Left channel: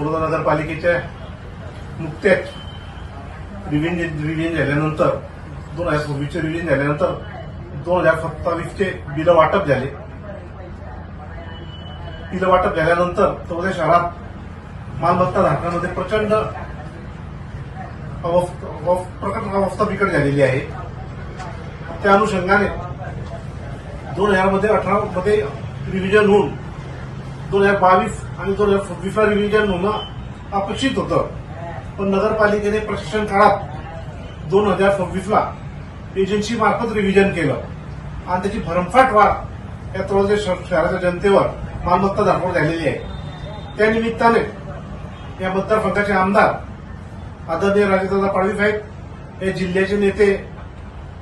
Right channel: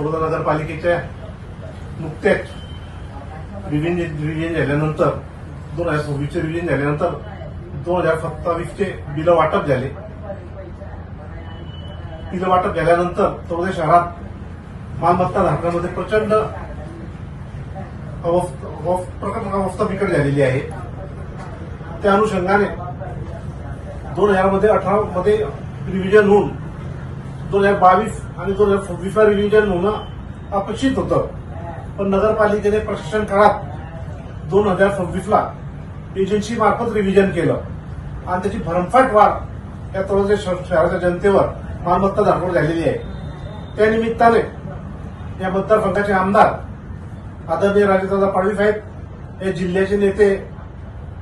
तळोदा नगरपालिकेच्या नुकत्याच रिव्हिजन झाल्यानंतर 2024चे रिव्हिजन झाल्यानंतर 2027चे बिलं वाटप झाले. बिलं वाटप झाल्यानंतर तळोदा शहरात मालमत्ता धारकांमध्ये प्रचंड अवस्था बिकट झालेली आहे. त्या अनुषंगाने 2018 मध्ये रिव्हिजन होऊन 2022 आणि 2026 रिव्हिजन होणं अपेक्षित होतं, पण नगरपालिकेने प्रशासन काळात 2026ला एजन्सी मार्फत रिव्हिजन केलं आणि त्याची भरमसाठ वाढ या तळोदा शहराच्या जनतेवर मालमत्ता धारकांवर झालेली आहे. त्यानिमित्ताने या मतदारसंघाचे आमदार आदरणीय राजेदादा पाडवी साहेब, हे जिल्ह्याचे नेते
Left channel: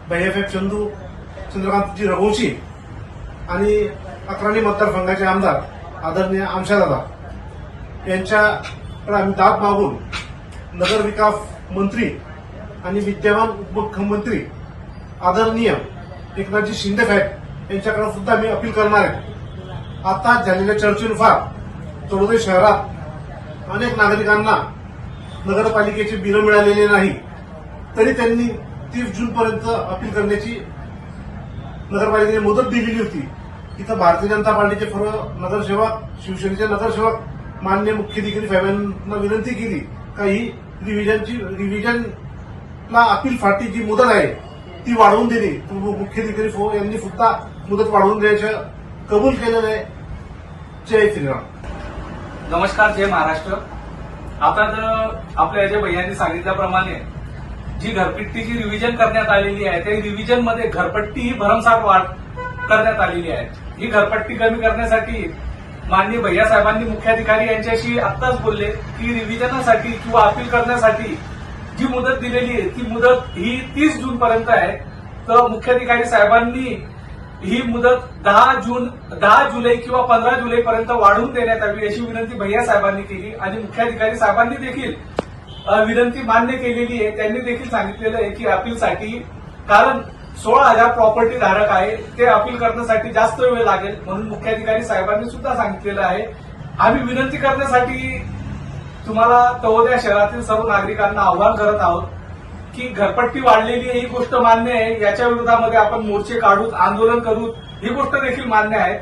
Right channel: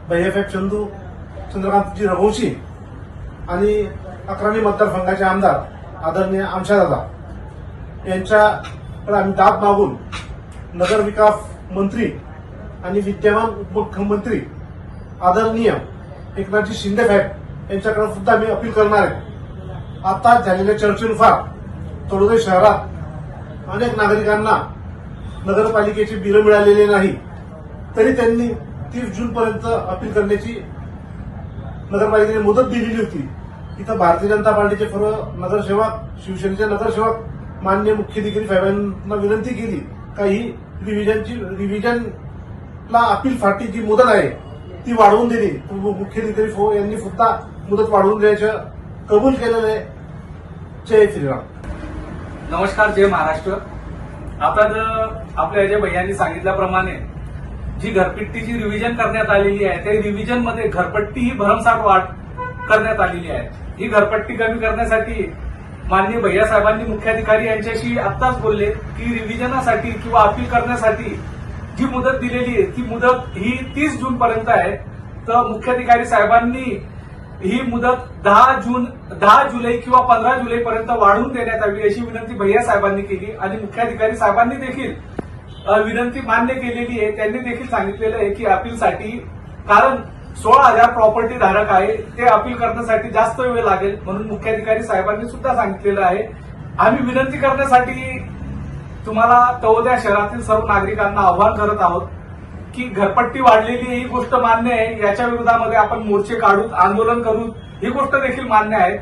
भैयासाहेब चंद्रकांतजी रघुवंशी आणि अक्राणी मतदारसंघाचे आमदार आदरणीय आमशादादा यांच्याकडे आम्ही दाद मागून नगर विकास मंत्री आणि विद्यमान उपमुख्यमंत्री आदरणीय एकनाथजी शिंदे साहेब यांच्याकडे सुद्धा आम्ही अपील करणार आहे. आता झालेल्या चर्चेनुसार तळोदा शहरात अनेक नागरिकांना नगरपालिकेचे बिलं मिळालेले नाही, तरी त्यांनी 30 जूनपर्यंत अपील करण्याची नगरपालिकेने मुदत दिलेली होती. इथं भारतीय जनता पार्टीचे सर्व नगरसेवक, शिवसेनेचे नगरसेवक माननीय मुख्याधिकारी साहेबांना विनंती केली का ही रिव्हिजनला अपीलसाठी जी मुदत आहे ती वाढवून दिली. मुख्याधिकारी यांनी सुद्धा मुदत वाढवून द्यायचं कबूल केलेलं आहे. जय श्रीराम. नमस्कार, जय महाराष्ट्र. आता आपल्या अजय भैयांनी सांगितल्याप्रमाणे जी घरपट्टीची रिव्हिजन करण्यात आलेली आहे त्या रिव्हिजन मध्ये घरपट्टी ही भरमसाठ वाढ करण्यात आलेली आहे. ही घरपट्टी कमी करण्यासाठी माननीय भैया साहेबांनी मुख्याधिकारी यांच्याशी आत्ताच बोलले की रिव्हिजनासाठी किंवा अपील करण्यासाठी जी मुदत दिलेली आहे ती मुदत ही 30 जून पर्यंत आहे. तर मुख्याधिकारी साहेबांनी ही मुदत 10 जुलै किंवा 15 जुलैपर्यंत वाढवून देण्यात यावी अशी विनंती भैया साहेबांनी केली आणि मुख्याधिकारी साहेबांनी देखील विनंती मान्य केलेली आहे. त्यांनी देखील सांगितलेलं आहे की अपीलसाठी, कारण 16,000 प्रॉपर्टी धारक आहे, ते अपील करण्यासाठी जास्त वेळ लागेल, म्हणून मुख्याधिकारी साहेबांनी सुद्धा सांगितलेलं आहे. आम्ही विनंती करण्यासाठी तुम्हाला तळोदा शहरातील सर्व नागरिकांना आवाहन करत आहोत की घरपट्टी वाढलेली ही गोष्ट मान्य आहे, याच्या विरोधामध्ये आपण मोर्चे काढू, आंदोलन करू, ही गोष्ट देखील मान्य आहे.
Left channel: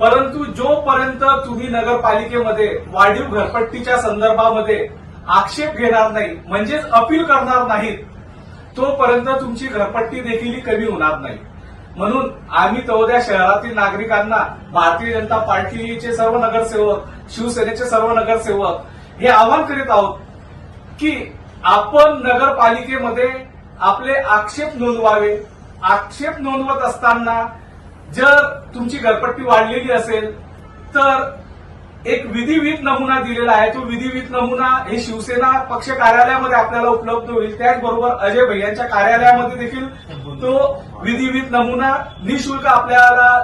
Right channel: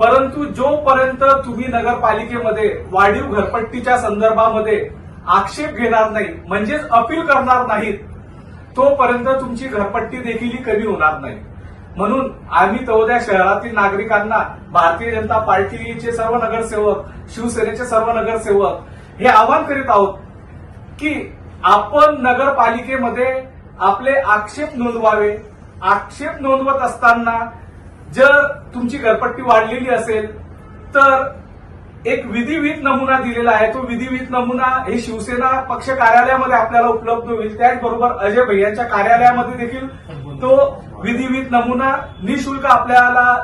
परंतु जोपर्यंत तुम्ही नगरपालिकेमध्ये वाढीव घरपट्टीच्या संदर्भामध्ये आक्षेप घेणार नाही, म्हणजेच अपील करणार नाहीत, तोपर्यंत तुमची घरपट्टी देखील कमी होणार नाही. म्हणून आम्ही तळोदा शहरातील नागरिकांना, भारतीय जनता पार्टीचे सर्व नगरसेवक, शिवसेनेचे सर्व नगरसेवक हे आवाहन करीत आहोत की आपण नगरपालिकेमध्ये आपले आक्षेप नोंदवावे. आक्षेप नोंदवत असताना जर तुमची घरपट्टी वाढलेली असेल तर एक विधिविहित नमुना दिलेला आहे. तो विधिविहित नमुना हे शिवसेना पक्ष कार्यालयामध्ये आपल्याला उपलब्ध होईल. त्याचबरोबर अजय भैयांच्या कार्यालयामध्ये देखील तो विधिविहित नमुना निःशुल्क आपल्याला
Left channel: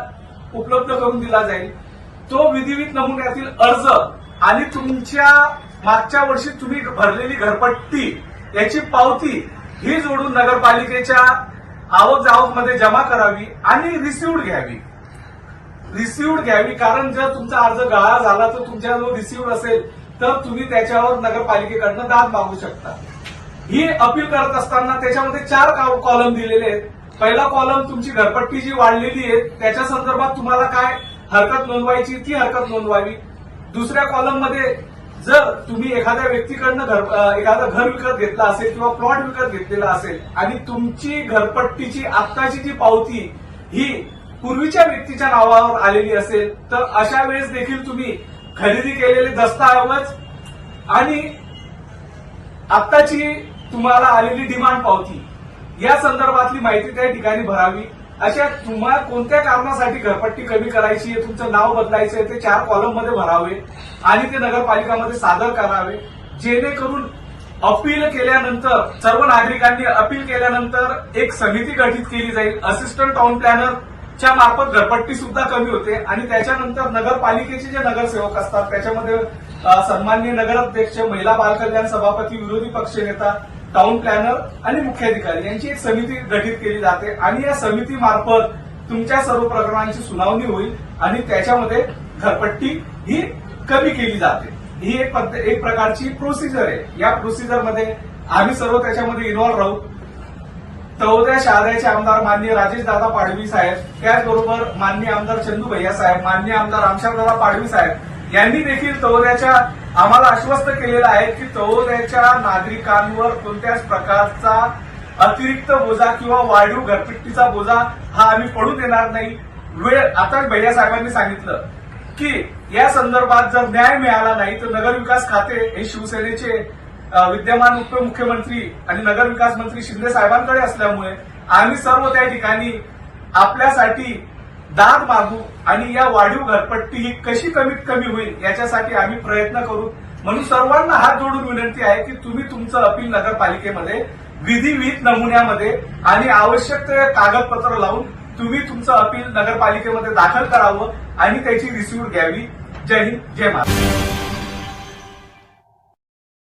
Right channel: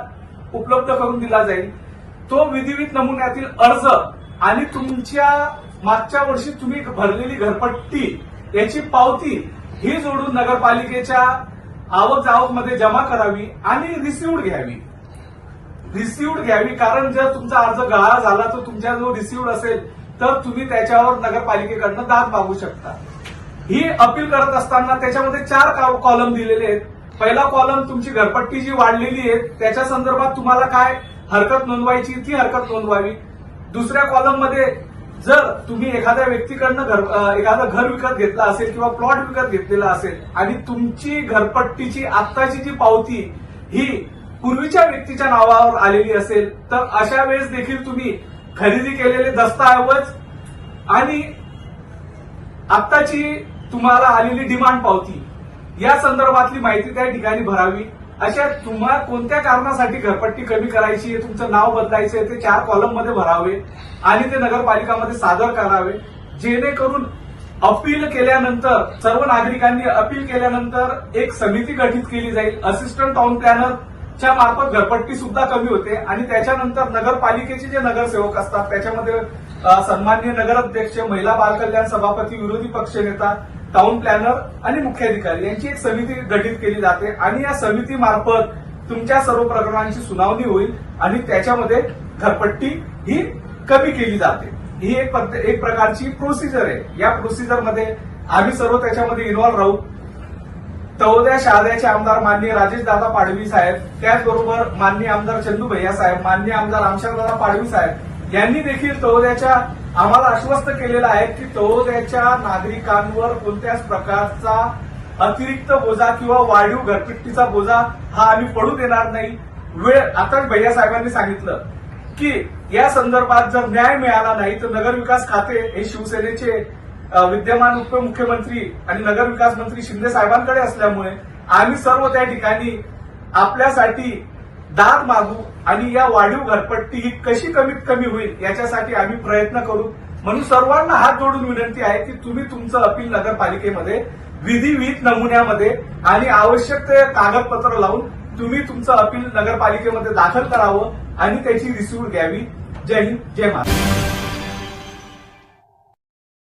उपलब्ध करून दिला जाईल. तो विधिविहित नमुन्यातील अर्ज आणि तुमच्या मागच्या वर्षी तुम्ही भरलेली घरपट्टी याची पावती ही जोडून नगरपालिकेच्या आवक जावकमध्ये जमा करावी आणि रिसिव्ड घ्यावी. कारण जर तुमचा अर्ज गहाळ झाला तर तुमच्या जो रिसिव्ड असेल तर तुम्ही त्याच्यावर नगरपालिकेकडनं दाद मागू शकता. ही अपील करत असताना त्याच्यामध्ये 4 कॉलम दिलेले आहेत. पहिला कॉलम तुमची घरपट्टी जी वाढलेली आहे त्याच्या संदर्भात तुम्हाला काय हरकत नोंदवायची ती हरकत नोंदवावी. दुसऱ्या कॉलममध्ये जर तुम्ही एखाद्या व्यक्तीकडनं एखादं घर विकत घेतलं असेल किंवा प्लॉट विकत घेतलेला असेल आणि तुमची घरपट्टीची आत्ताची जी पावती ही पूर्वीच्या व्यक्तीच्या नावावर आलेली असेल तर अशा वेळेस देखील तुम्ही खरेदी केलेले दस्तऐवज आणि आत्ताची तुम्हाला आलेली डिमांड पावती या संदर्भातली माहिती त्या ठिकाणी भरावी. अशा तुम्हाला कोणत्या कारणासाठी घरपट्टी कमी करायची, तुमचं नाव बदलायचं ते 4 कॉलममध्ये भरावे आणि ते नगरपालिकामध्ये सादर करावे, जेणेकरून अपील केल्यानंतर सर्व नागरिकांनी अपील केल्यानंतर एक समिती गठीत केली जाईल. असिस्टंट टाउन प्लॅनरच्या मार्फत घरपट्टी सुद्धा कमी होते आणि त्याच्यानंतर नगरपालिकेचे जे नगरसेवक असतात त्याच्यामध्ये सन्माननीय नगराध्यक्ष, महिला बालकल्याण सभापती, विरोधी पक्षनेता, टाउन प्लॅनर आणि मुख्याधिकारी यांची एक समिती गठीत केली जाते आणि या समितीमार्फत तुमच्या सर्व प्रकरणांची सुनावणी होईल आणि त्याच्यामध्ये घरपट्टी ही कमी केली जाते. ही एक प्रकारची प्रोसिजर आहे. या प्रोसिजरमध्ये आम्ही सर्व त्याच्यामध्ये इन्व्हॉल्व्ह राहू. तळोदा शहाद्याचे आमदार माननीय राजेशदादा पाडवी साहेब, त्याचबरोबर माननीय आमदार चंदू भैया साहेब, माननीय आमदार रामशादादा पाडवी साहेब यांनी देखील तळोद्याच्या आम्हाला आश्वस्त केलेलं आहे की तळोद्याच्या नागरिकांवर कोणत्याच प्रकारचा अतिरिक्त बोजा किंवा वाढीव घरपट्टीचा बोजा हा आम्ही पडू देणार नाही. आताच भैया साहेबांनी सांगितलं की या संदर्भात जर न्याय मिळाला नाही तर नगरविकास खाते हे शिवसेनेचे विद्यमान उपमुख्यमंत्री आणि नगरविकास मंत्री शिंदे साहेबांकडे असल्यामुळे आम्ही सर्व त्या ठिकाणी आपल्यासाठी दाद मागू आणि या वाढीव घरपट्टी ही कशी कमीत कमी होईल याच्यासाठी आम्ही प्रयत्न करू. म्हणून सर्वांना हात जोडून विनंती आहे की तुम्ही तुमचं अपील नगरपालिकेमध्ये विधिविहित नमुन्यामध्ये आणि आवश्यक ते कागदपत्र लावून तुम्ही तुमचं अपील नगरपालिकेमध्ये दाखल करावं आणि त्याची रिसिव्ह घ्यावी. जय हिंद, जय महाराष्ट्र.